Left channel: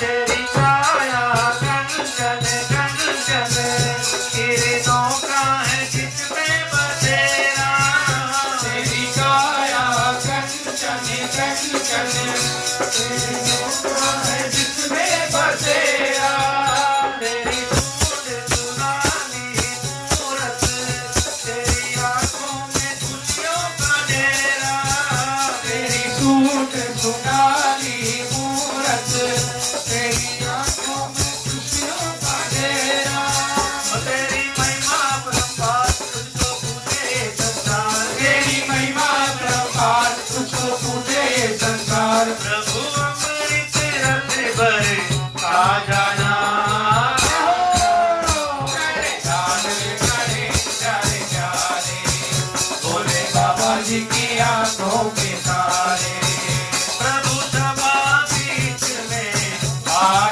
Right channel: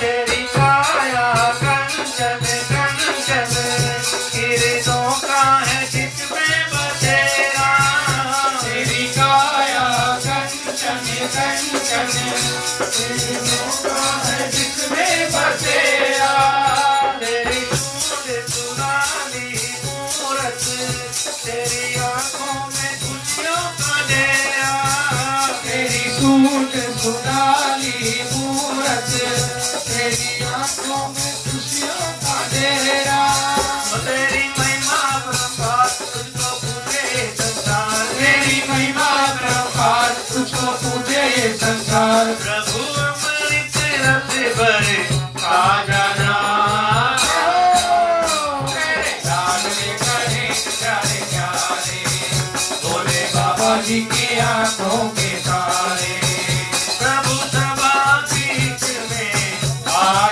तेरी काया कंचन कंचन, किरणों का है जिसमें बसेरा। तेरी काया कंचन कंचन, किरणों का है जिसमें बसेरा। तेरी सूरत सुराली मूरत, तेरी आंखों में खुशियों का डेरा। तेरी सूट सुनाली मूरत, तेरी आंखों में खुशियों का डेरा। तेरी महिमा परम्पार तुझको पूजे ये संसार। तेरी महिमा प्रभात तुझको पूजे ये संसार। प्रभु अमृत रस भरे आ जाना। भोले बाबा जी की आंखों के तारे। प्रभु सभा बीच में आ